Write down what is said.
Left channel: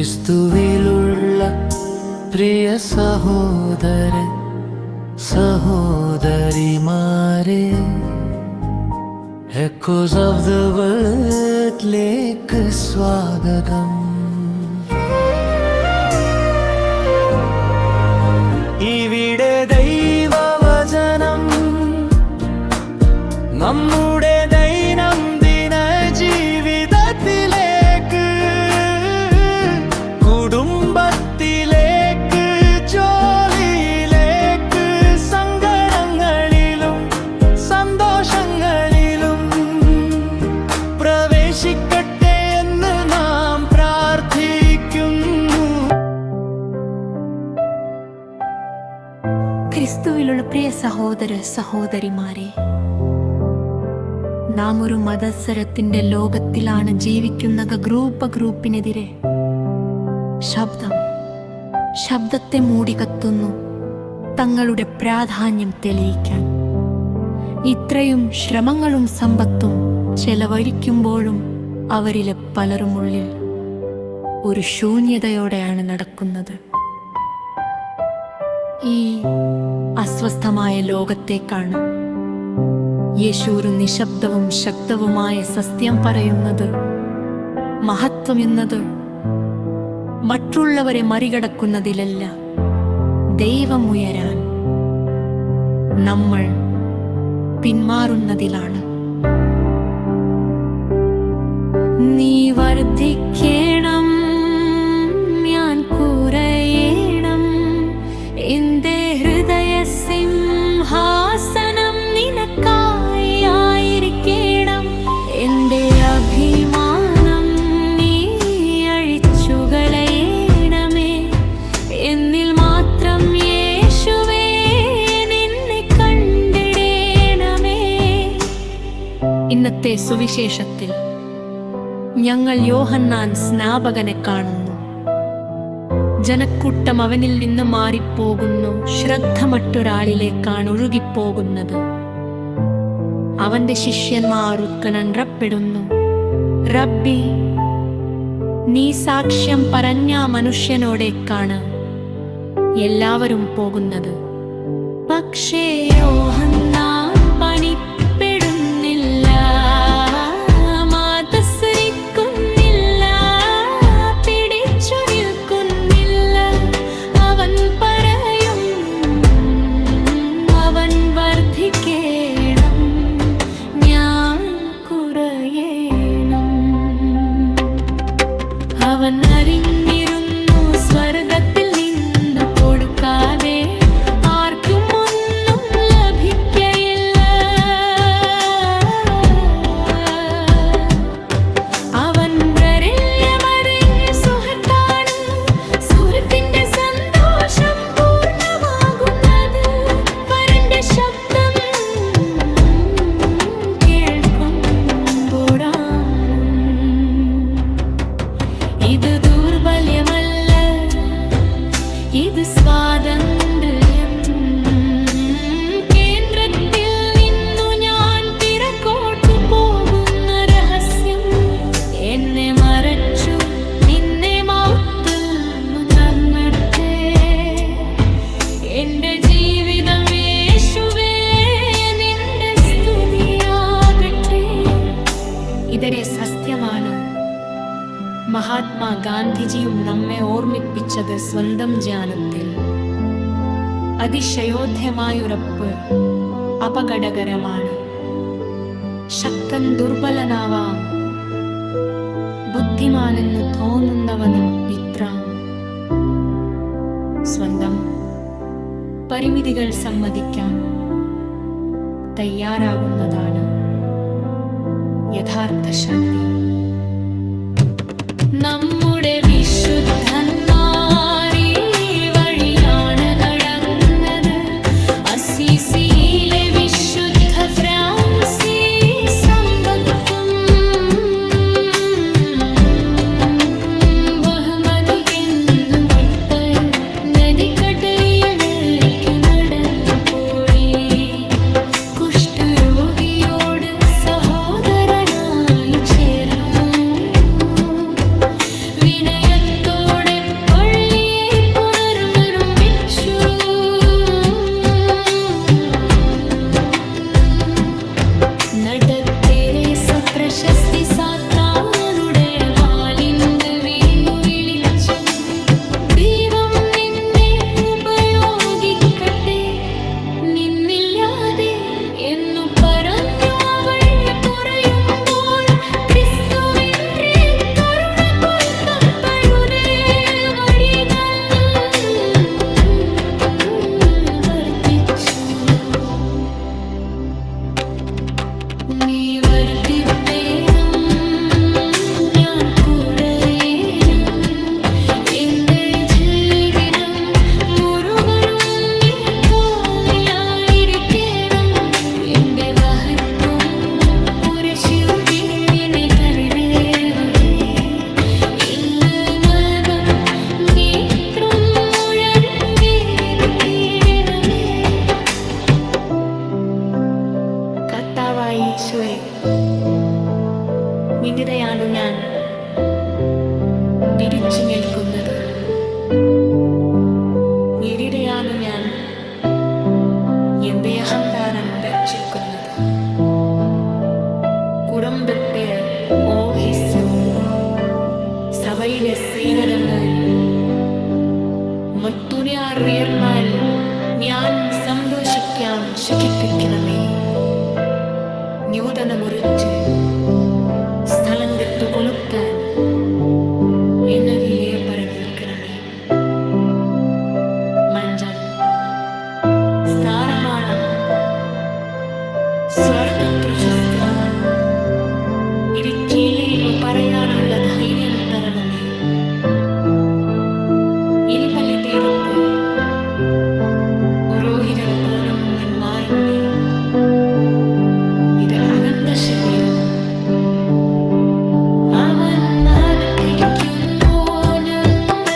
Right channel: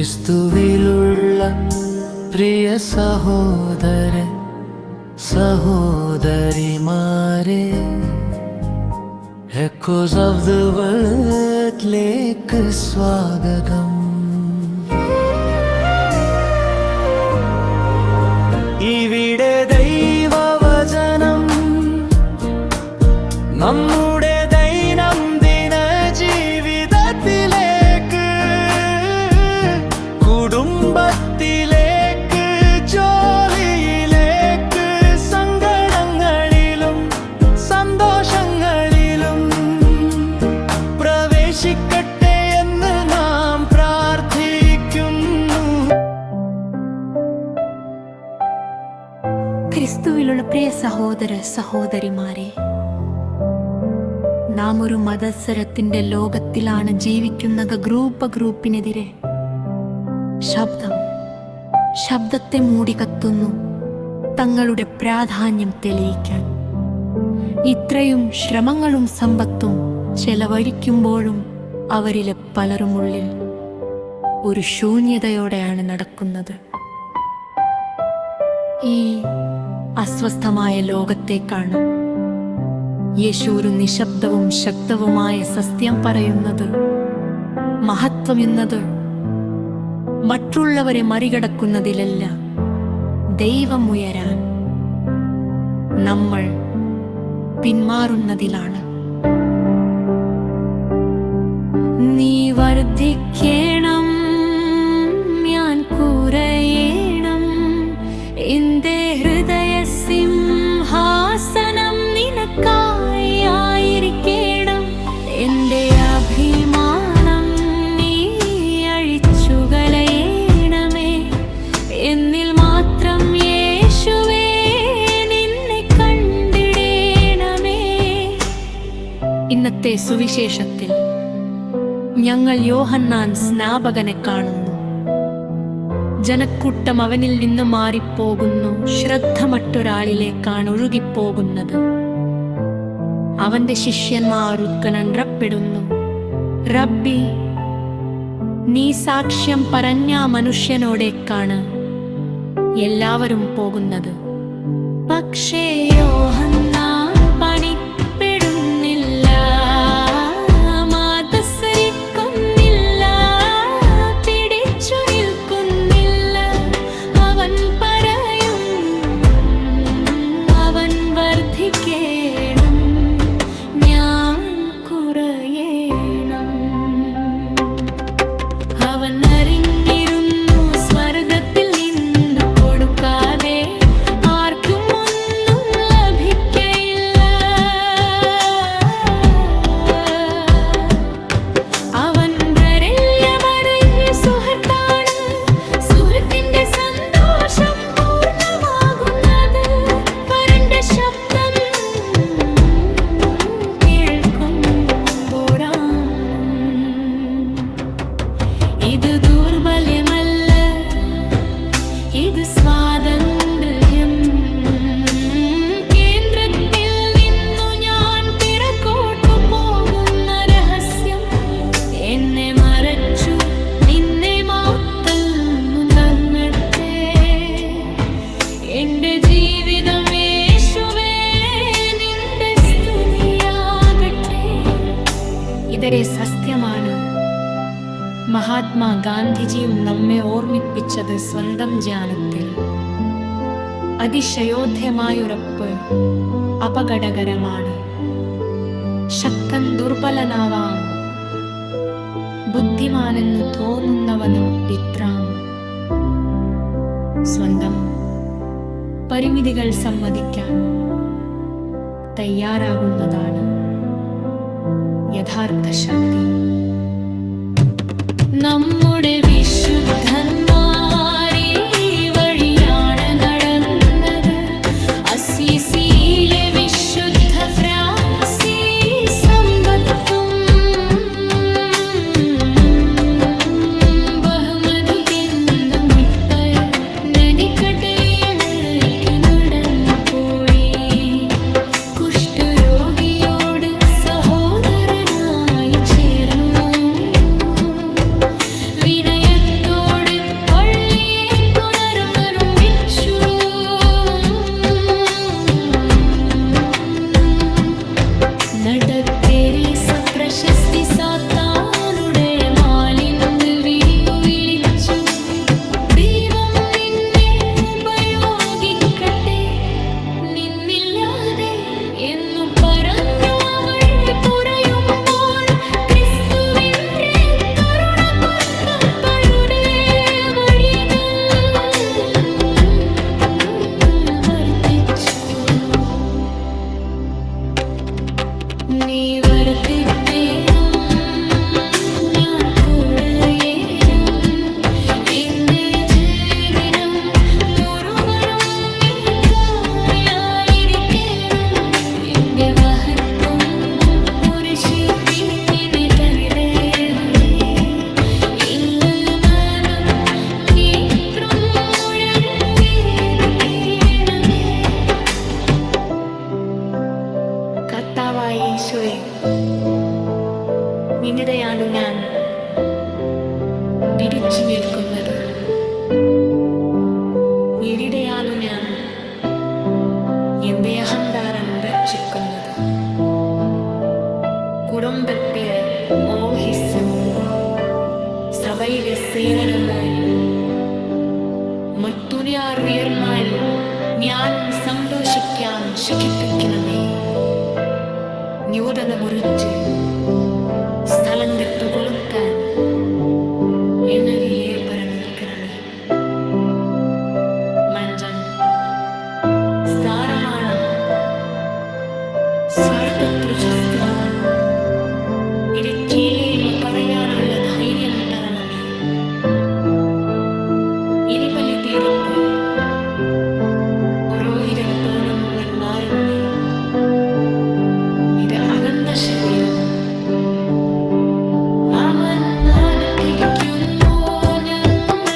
ക്രിസ്തുവിലുള്ള പ്രിയ സഹോദര സഹോദരിമാരെ, എക്കോസ് ഓഫ് ദ വേൾഡിലേക്ക് സ്വാഗതം. ഇവിടെ ദൈവവചനം നമ്മുടെ ദൈനംദിന ജീവിതത്തിലേക്ക്, കുടുംബത്തിലേക്ക്, ജോലിയിലേക്ക്, സങ്കടങ്ങളിലും സന്തോഷങ്ങളിലും പ്രവേശിക്കട്ടെ എന്ന് നാം പ്രാർത്ഥിക്കുന്നു. ക്രിസ്തുവിലുള്ള പ്രിയ സഹോദര സഹോദരിമാരെ, നാം ഒരു മത്സരത്തിന്റെ ലോകത്തിലാണ് ജീവിക്കുന്നത്. ഗ്രൂപ്പിനെതിരെ ശബ്ദത്തെ മൂടിക്കത്തുന്നു തങ്ങളുടെ പ്രാധാന്യം തെളിയിക്കാൻ. ഇത്രയും ശ്രമങ്ങളും സമ്പത്തും ചെലവഴിക്കുമ്പോഴും അവരിലെ പലരുമുള്ളിൽ ഒരു ശൂന്യതയോടെയാണ് നടക്കുന്നത്. ഈ അസ്വസ്ഥമായ ലോകത്തേക്കാണ് യേശു ഒരു നിശബ്ദവും ശക്തവുമായ സത്യം പറയുന്നത്. മഹത്വം എന്നത് മറ്റുള്ളവരെ മറികടക്കുന്നതിലല്ല, ദൈവം ഉയരാൻ നമ്മൾ പിന്മാറുന്നതിലാണ്. നീ വർദ്ധിക്കണം, ഞാൻ കുറയണം, എന്റെ ഹൃദയ സിംഹാസനം നിനക്കായി ആയിരിക്കണം. എന്റെ അഭിമാനം നീ അഴിച്ചുകളയണമേ, എന്നിൽ മാത്രം യേശുവേ നിന്നെ കണ്ടിടേണമേ. ഇന്നത്തെ സുവിശേഷത്തിൽ ഞങ്ങൾ യോഹന്നാൻ സ്നാപകനെ കാണുന്നു. ജനക്കൂട്ടം അവനിൽ നിന്ന് മാറിപ്പോകുന്നു. ശ്രദ്ധ മറ്റൊരാളിലേക്കാണ് ഒഴുകിപ്പോകുന്നത്. അവന്റെ ശിഷ്യന്മാർ ഉത്കണ്ഠപ്പെടുന്നു. റബ്ബി, നീ സാക്ഷ്യം പറഞ്ഞ മനുഷ്യനോടേക്കാണ് എല്ലാവരും പോകുന്നത്. പക്ഷേ യോഹന്നാൻ പണിപ്പെടുന്നില്ല, മാതസരിക്കുന്നില്ല, പിടിച്ചു നിൽക്കുന്നില്ല. അവൻ പറയും, അവൻ വർദ്ധിക്കണം, ഞാൻ കുറയണം. അവൻ അറിഞ്ഞിരുന്നു സ്വർഗത്തിൽ നിന്ന് കൊടുക്കാതെ ആർക്കും ഒന്നും ലഭിക്കയില്ല. അവൻ വരല്യമറിഞ്ഞ സുഹൃത്താണ്, സുഹൃത്തിന്റെ സന്തോഷം പൂർണ്ണമാകുന്നത് വരന്റെ ശബ്ദം കേൾക്കുമ്പോഴാണ്. ഇത് ദൗർബല്യമല്ല, ഇത് സ്വാതന്ത്ര്യം. കേന്ദ്രത്തിൽ നിന്നു ഞാൻ പിറകോട്ടു പോകുന്ന രഹസ്യം എന്നെ മറച്ചു, നിന്നെ മൗത്തിൽ നന്നട്ടെ. എന്റെ ജീവിതം യേശുവേ നിന്റെ സ്തുതിയാകട്ടെ. ഇതൊരു സത്യമാണ്. മഹാത്മാ ഗാന്ധിജിയും നമ്മെ ഓർമ്മിപ്പിച്ചത് സ്വന്തം ജ്ഞാനത്തിൽ. അതിശയോധ്യമായുറപ്പ് അപകടകരമാണ്. ശക്തൻ ദുർബലനാവാം, ബുദ്ധിമാനെന്നു തോന്നുന്നവനും വിത്രാം. സ്വന്തം പരിമിതികൾ സമ്മതിക്കാൻ തയ്യാറാകുന്നതാണ് യഥാർത്ഥ ശക്തി. നമ്മുടെ വിശുദ്ധന്മാരീ വഴിയാണ് നടന്നത്. അസീസിയിലെ വിശുദ്ധ ഫ്രാൻസിസ് സമ്പത്തും ബഹുമതിക്കെന്നും നദിക്കട്ടയിലേക്ക് നടന്നു പോയി. കുഷ്ഠരോഗിയോട് സഹോദരനായി ചേർന്നു. വിനയത്തോടെ പ്രശസ്തി സാത്താനുടെ മാലിന്ന് വീണു വിളിച്ചു. ദൈവം നിന്നെ ഉപയോഗിക്കട്ടെ, നിന്നില്ലാതെ എന്നു പറഞ്ഞു അവൾ കുറയുമ്പോൾ ക്രിസ്തുവിന്റെ കരുണ കൊൽപ്പയുടെ വഴികൾ വർത്തിച്ചു. നീ വർത്തിത്തേണം, ഞാൻ കൂടെയേനം, എന്റെ ജീവിതം മുഴുവനും നിനക്കായിരിക്കണം. എന്റെ മഹത്വം പുരുഷനെ കനിതേറുമേ, ഇല്ല മനം നേത്രം മുഴങ്ങി കേണമേ. കർത്താവായ ഈശോയെ, നിന്റെയാണു ഞാൻ പിടിച്ചു നിൽക്കുന്നത്. എവിടെയാണു ഞാൻ എന്റെ അഹങ്കാരം രക്ഷിക്കുന്നത്? കുടുംബത്തെ ഓഹിച്ചു സഭയിലെ സേനകങ്ങൾ മറ്റുനിയർന്നാൽ ഞാൻ സന്തോഷിക്കാൻ ശിക്ഷിപ്പിക്കണമേ. ന്യൂതന മുറിച്ച് സ്ഥലം വിട്ടുകൊളുത്താൻ എന്നതിലെ പരമേൽക്കണമേ. മഞ്ചം സ്ഥാനമാണ് സ്വർപ്പതൃശസ്തു. ഇരുട്ടിയിലെന്നു പറയാനുള്ള ധൈര്യം തരണമേ. ഇരിപള്ളി തീരത്ത് പുരോഹിതൻ പോലും മാറുന്നേ. ഇത് അകന്ത ശരീരം അവൻ അകത്തിരിക്കുന്നു. ഞങ്ങൾ